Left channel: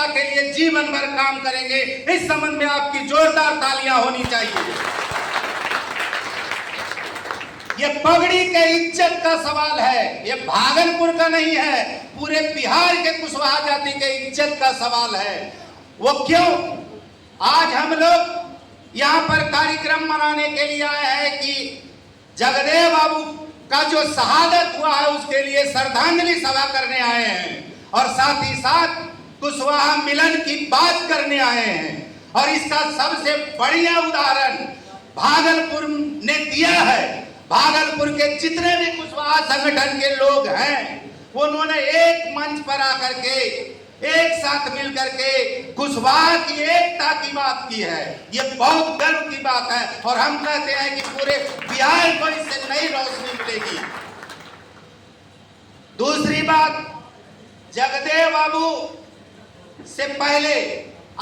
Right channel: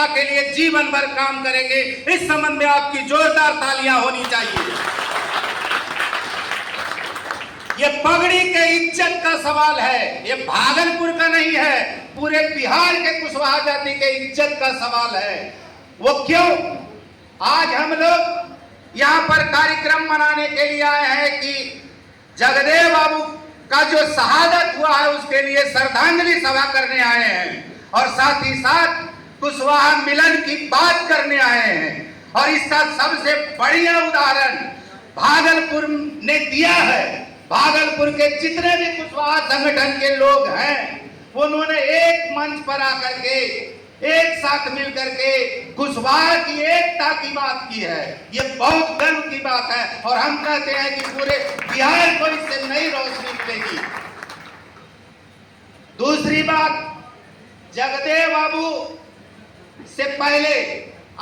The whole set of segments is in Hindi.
एकता के लिए जीवन भर काम करेंगे। इस संबंध में आपकी जोरदार तालियां होनी चाहिए। ये पगड़ी के इज्जत का सवाल है, ये भागलपुर का नहीं है, पूरे बिहार के कुशवाहा जाति के इज्जत का सवाल है। वो क्यों? आज हम लोग यहाँ पर कार्यक्रम मनाने के लिए आए हैं कि जगदेव बाबू का जो शहादत हुआ है उसके लिए श्रद्धांजलि सभा करने आए हैं और साथ ही साथ कुशवाहा मिलन की बात करने आए हैं। और इसका सबसे बढ़िया उदाहरण भागलपुर ने दिया है। भागलपुर के जितने भी कुशवाहा संगठन के लोग हैं उन्होंने एक मंच पर आकर के एक साथ मिलकर के कुशवाहा की एकता की बात की है। ये बहुत गर्व की बात है और हम कहते हैं कि पूरे बिहार को इससे नई रोशनी मिलेगी। दूसरी बात, जगदेव बाबू से पहले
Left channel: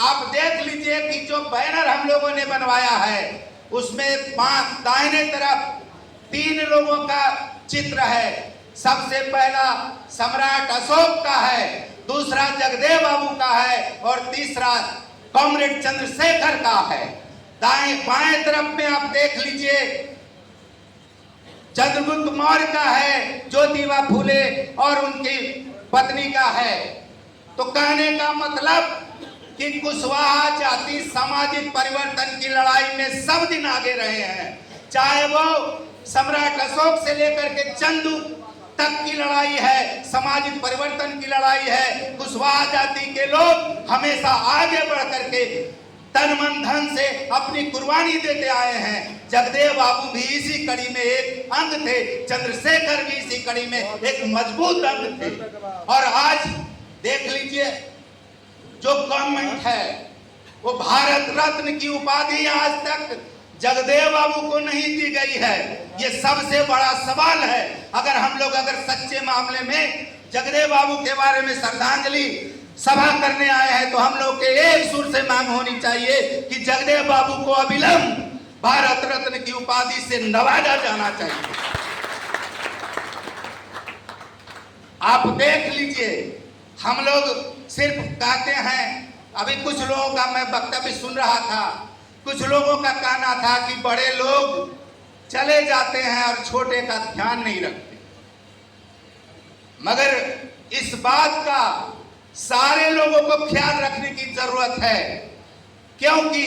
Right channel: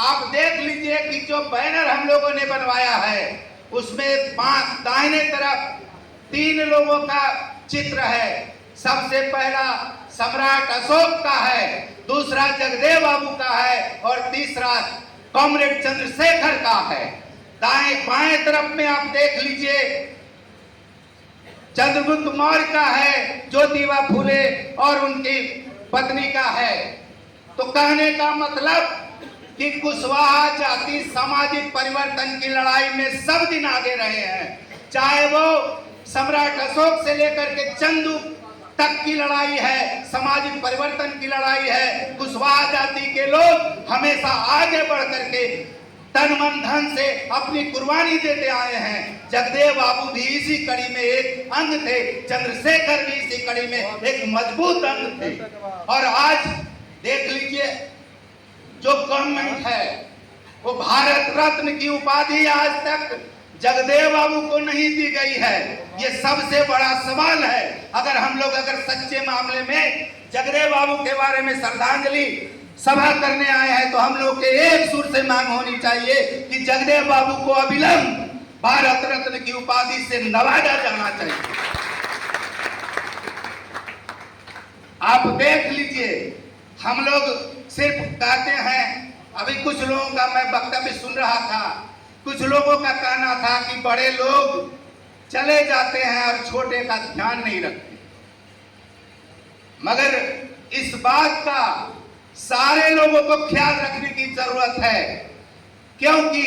आप देख लीजिए कि जो बैनर हम लोगों ने बनवाया है उसमें दाहिने तरफ 3 लोगों का चित्र है। सबसे पहला सम्राट अशोक का है, दूसरा जगदेव बाबू का है और तीसरा कॉमरेड चंद्रशेखर का है। दाएं बाएं तरफ में आप देख लीजिए चंद्रगुप्त मौर्य का है, ज्योतिबा फूले और उनकी पत्नी का है। तो कहने का मतलब कि कुशवाहा जाति सामाजिक परिवर्तन की लड़ाई में सब दिन आगे रहे हैं। चाहे वो सम्राट अशोक से लेकर के चंदू तक की लड़ाई है, सामाजिक परिवर्तन की लड़ाई है। कुशवाहा जाति के लोग हमेशा आगे बढ़ करके तन मन धन से अपनी कुर्बानी देते आए हैं। जगदेव बाबू भी इसी कड़ी में एक अंग थे, चंद्रशेखर भी इसी कड़ी में एक मजबूत अंग थे। और आज देख लीजिए जो गवर्नमेंट है वो भारत रत्न की उपाधि आज तक जगदेव बाबू को नहीं दी गई है। ये सबसे बड़ा सवाल है। अगर हम लोग सच्चे मामले में जगदेव बाबू के बारे में श्रद्धांजलि सभा करने आए हैं तो हम लोग के एक सुर से मांग होनी चाहिए कि जगदेव बाबू को अविलंब भारत रत्न की उपाधि से नवाजा जाना चाहिए। आप देख लीजिए, हम लोग सिर्फ कहते हैं, अभी कुछ लोगों का मैं वक्तव्य सुन रहा था, कुछ लोगों का कहना था कि बड़े लोग चले जाते हैं और छोटे का ध्यान नहीं रखते। मगर इस बात का सारे लोगों को ख्याल रखने की जरूरत है, क्योंकि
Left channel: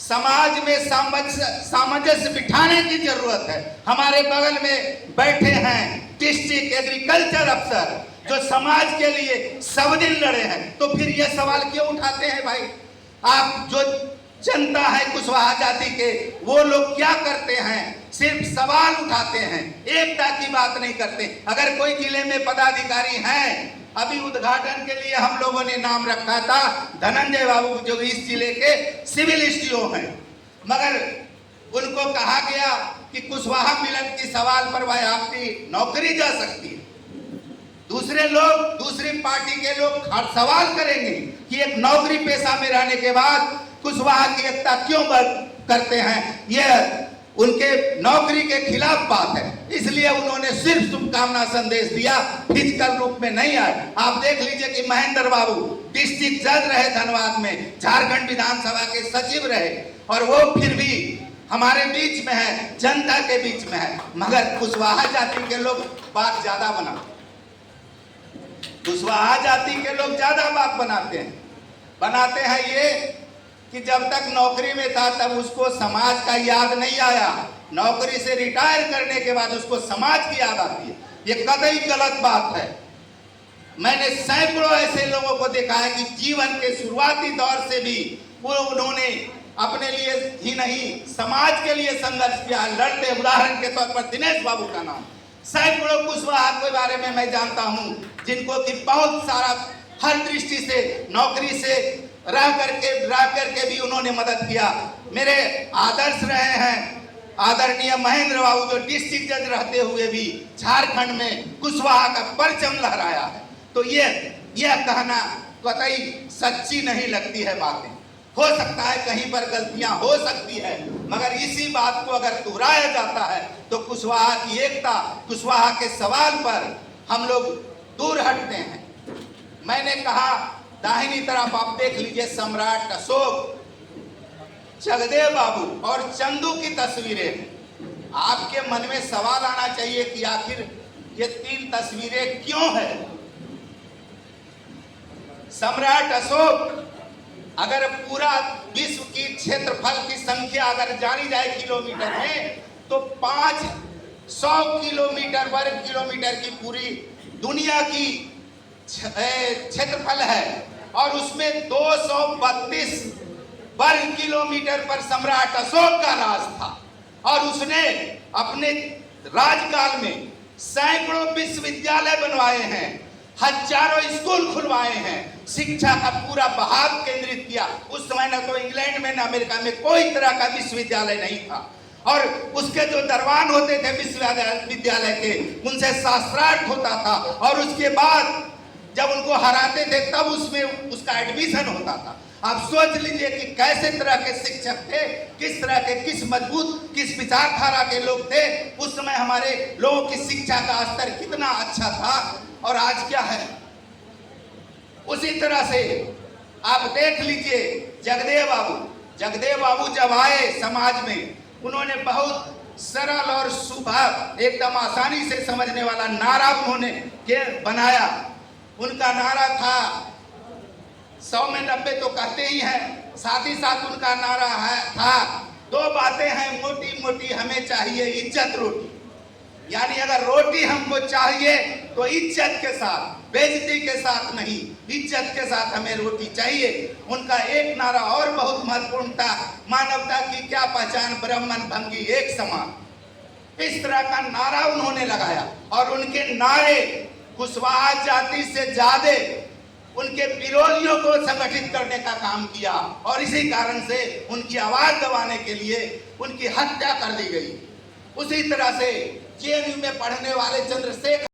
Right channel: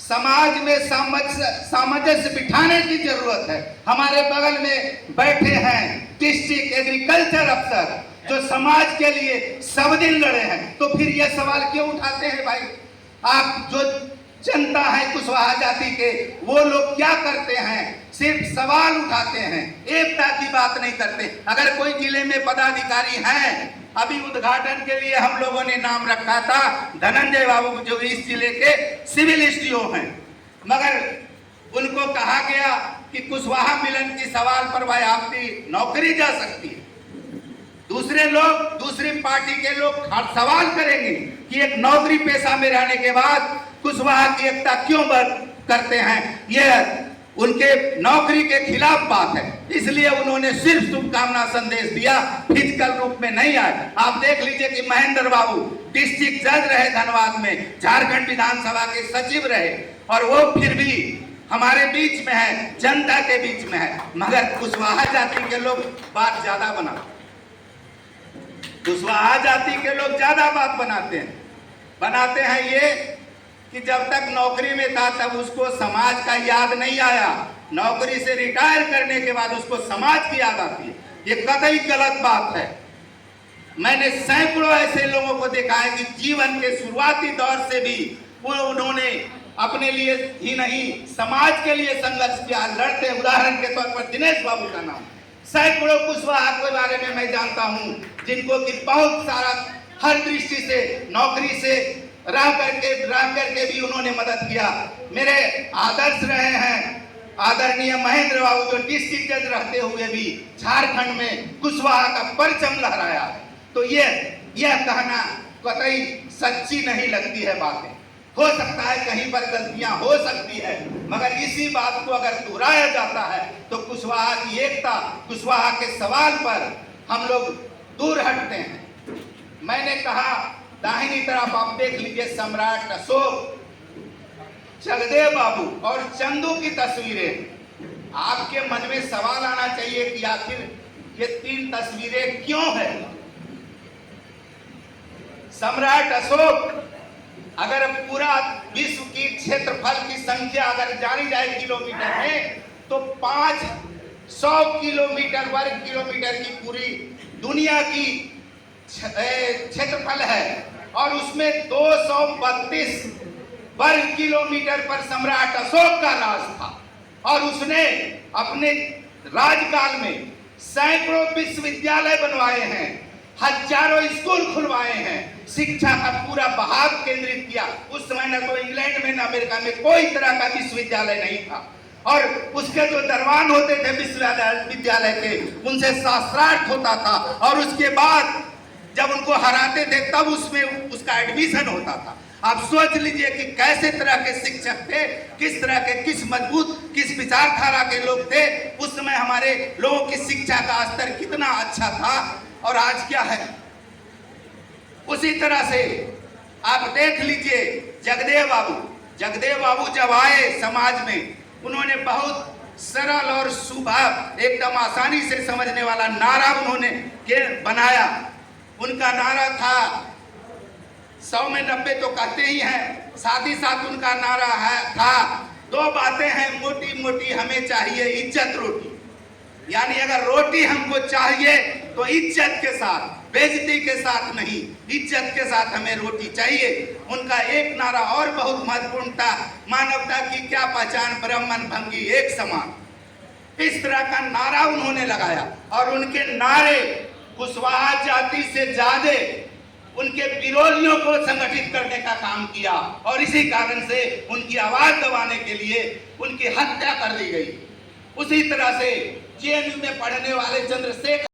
समाज में सामंजस्य बिठाने की जरूरत है। हमारे बगल में बैठे हैं डिस्ट्रिक्ट एग्रीकल्चर अफसर जो समाज के लिए सब दिन लड़े हैं, तो फिर ये सवाल क्यों उठाते हैं भाई? आप जो जनता है कुशवाहा जाति के, वो लोग क्या करते हैं? सिर्फ सवाल उठाते हैं, एकता की बात नहीं करते। अगर कोई जिले में पदाधिकारी हैं, अभी उद्घाटन के लिए हम लोगों ने नाम रखा था धनंजय बाबू जो इस जिले के सिविल एसडीओ हैं, मगर उनको कहा गया कि कुशवाहा मिलन की सवाल पर भाई आपकी नौकरी जा सकती है। दूसरे लोग, दूसरी पार्टी के लोग हर सवाल करेंगे कि एक नौकरी पेशा में रहने के बाद कुशवाहा की एकता क्यों करते हैं। यह उनके नौकरी के खिलाफ बात है, इसलिए उन्होंने सिर्फ शुभकामना संदेश दिया, फिजिकल रूप में नहीं आए। आप देख लीजिए कि महेंद्र बाबू डिस्ट्रिक्ट जज रहे धनबाद में, झारखंड विधानसभा के सचिव रहे और वो फिर भी हमारे बीच में है, जनता के बीच में है। मगर कुशवाहा जाति के लोग बात ज्यादा बनाते, कुशवाहा जाति के लोग ज्यादा बात बनाते हैं ये कि जब तक नौकरी में था तब उसको समाज का याद नहीं आया, नौकरी से रिटायर करने के बाद उसको समाज की याद आती है। ये कतई गलत बात है। मैंने सैकड़ों ऐसे लोगों को देखा है कि जीवन के शुरुआती दौर से भी उन्होंने अपने लिए ही नहीं समाज के लिए संघर्ष किया, लड़ते। उदाहरण के तौर पर दिनेश बाबू का नाम, सैकड़ों कुशवाहा के बारे में मैं जानता हूं जिनको कि बहुत सारा हर दृष्टि से नौकरी से रह करके भी उन्होंने मदद किया। मेरे आदर्श रहे हैं आदरणीय महेंद्र बाबू जो डिस्ट्रिक्ट जज रहते हुए भी झारखंड में कुशवाहा का परचम लहराया है। तो यह कहना कतई सच्ची नहीं लगती है बातें। हो सकता है कहीं पर गलतियां हो सकती है, मगर इसी बात को अगर दोहराया जाता है तो कुशवाहा की एकता, कुशवाहा के सवाल पर हम लोग दूर हटते हैं। मैंने कहा दाहिनी तरफ आप देख लीजिए सम्राट अशोक, जगदेव बाबू और चंदू की तस्वीरें। आपके मन में सवाल आना चाहिए कि आखिर ये 3 तस्वीरें क्यों है। सम्राट अशोक, अगर पूरा विश्व की क्षेत्रफल की संख्या अगर जानी जाए किलोमीटर में, तो 500 किलोमीटर वर्ग किलोमीटर की पूरी दुनिया की क्षेत्रफल है, और उसमें 232 वर्ग किलोमीटर पर सम्राट अशोक का राज था। और उसने अपने राजकाल में सैकड़ों विश्वविद्यालय बनवाए हैं, हजारों स्कूल खुलवाए हैं, शिक्षा का पूरा बहाव केंद्रित किया। उस समय न तो इंग्लैंड में न अमेरिका में कोई तरह का विश्वविद्यालय नहीं था, और उसके जो दरबान होते थे विश्वविद्यालय के, उनसे शास्त्रार्थ होता था, और उसके बाद जब उनको हराते थे तब उसमें उसका एडमिशन होता था। आप सोच लीजिए कि कैसे तरह के शिक्षक थे, किस तरह के, किस मजबूत, किस विचारधारा के लोग थे। उस समय हमारे लोगों की शिक्षा का स्तर कितना अच्छा था, और आज क्या है। उसी तरह से आप देख लीजिए जगदेव बाबू जब आए समाज में, उन्होंने बहुत सरल और सुभग, एकदम आसानी से समझने वाला नारा उन्होंने बनाया। उनका नारा था, 100 में 90 तो कहते ही हैं, साथ ही साथ उनका नारा था, 2 बातें हैं मोटी मोटी हमें चाहिए, इज्जत रोटी। यानी अगर रोटी हमको चाहिए तो इज्जत के साथ, बेइज्जती के साथ नहीं, इज्जत के साथ हमें रोटी चाहिए। उनका एक नारा और बहुत महत्वपूर्ण था, मानवता की क्या पहचान, ब्राह्मण भंगी एक समान। इस तरह का नारा उन्होंने लगाया, और उनके नारे कुशवाहा जाति से ज्यादा उनके विरोधियों को संगठित करने का काम किया, और इसी कारण से उनकी आवाज दबाने के लिए उनकी हत्या कर दी गई। उसी तरह से जेएनयू में पढ़ने वाले चंद्रशेखर